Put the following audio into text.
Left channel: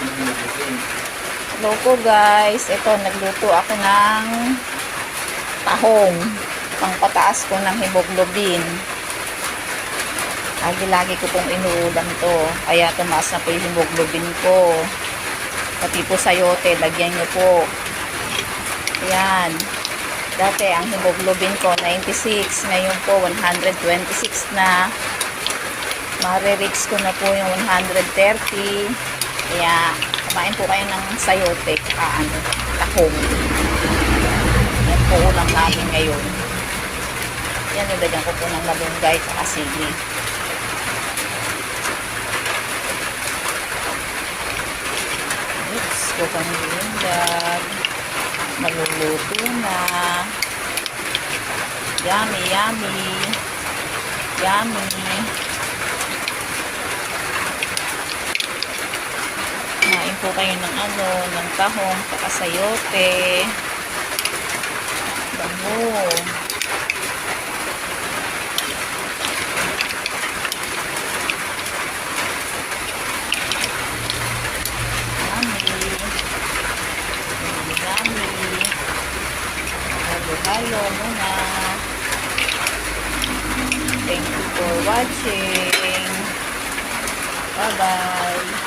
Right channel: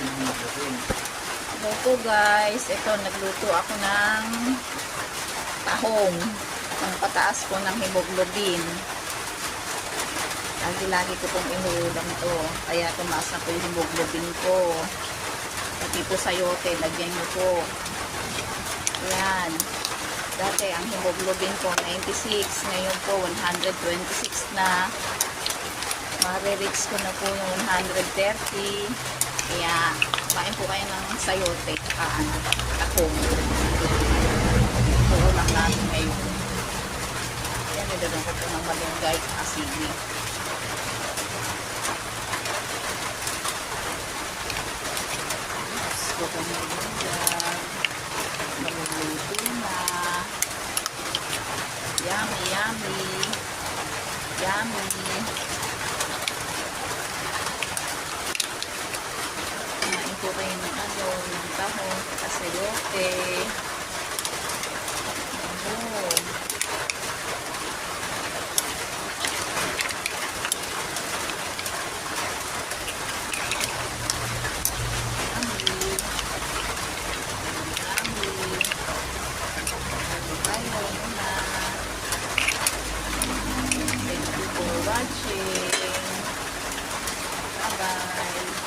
Hello po guys. Ito, nagluto ako ng tahong. Pangpataas ko ng hemoglobin. Lagi-lagi ko pong inuulam to. Kaya tumaas na po yung hemoglobin ko. Pati po sayote, lagyan nyo po. Ayan. Dati ang hemoglobin ko 96. Ngayon po 126 na. Mare-reach ko na po yung 130. Kaya kumain po kayo ng sayote tahong. Yan po ulam namin ngayon. Yan, nilagyan ko po ng malunggay at sili. Oops, ko kami lunggan. Maluluto na. Yummy, yummy. Yummy. Kumain po kayo ng ng tahong, saka sayote. Bango. Halo muna. Thank you for watching. Bye-bye.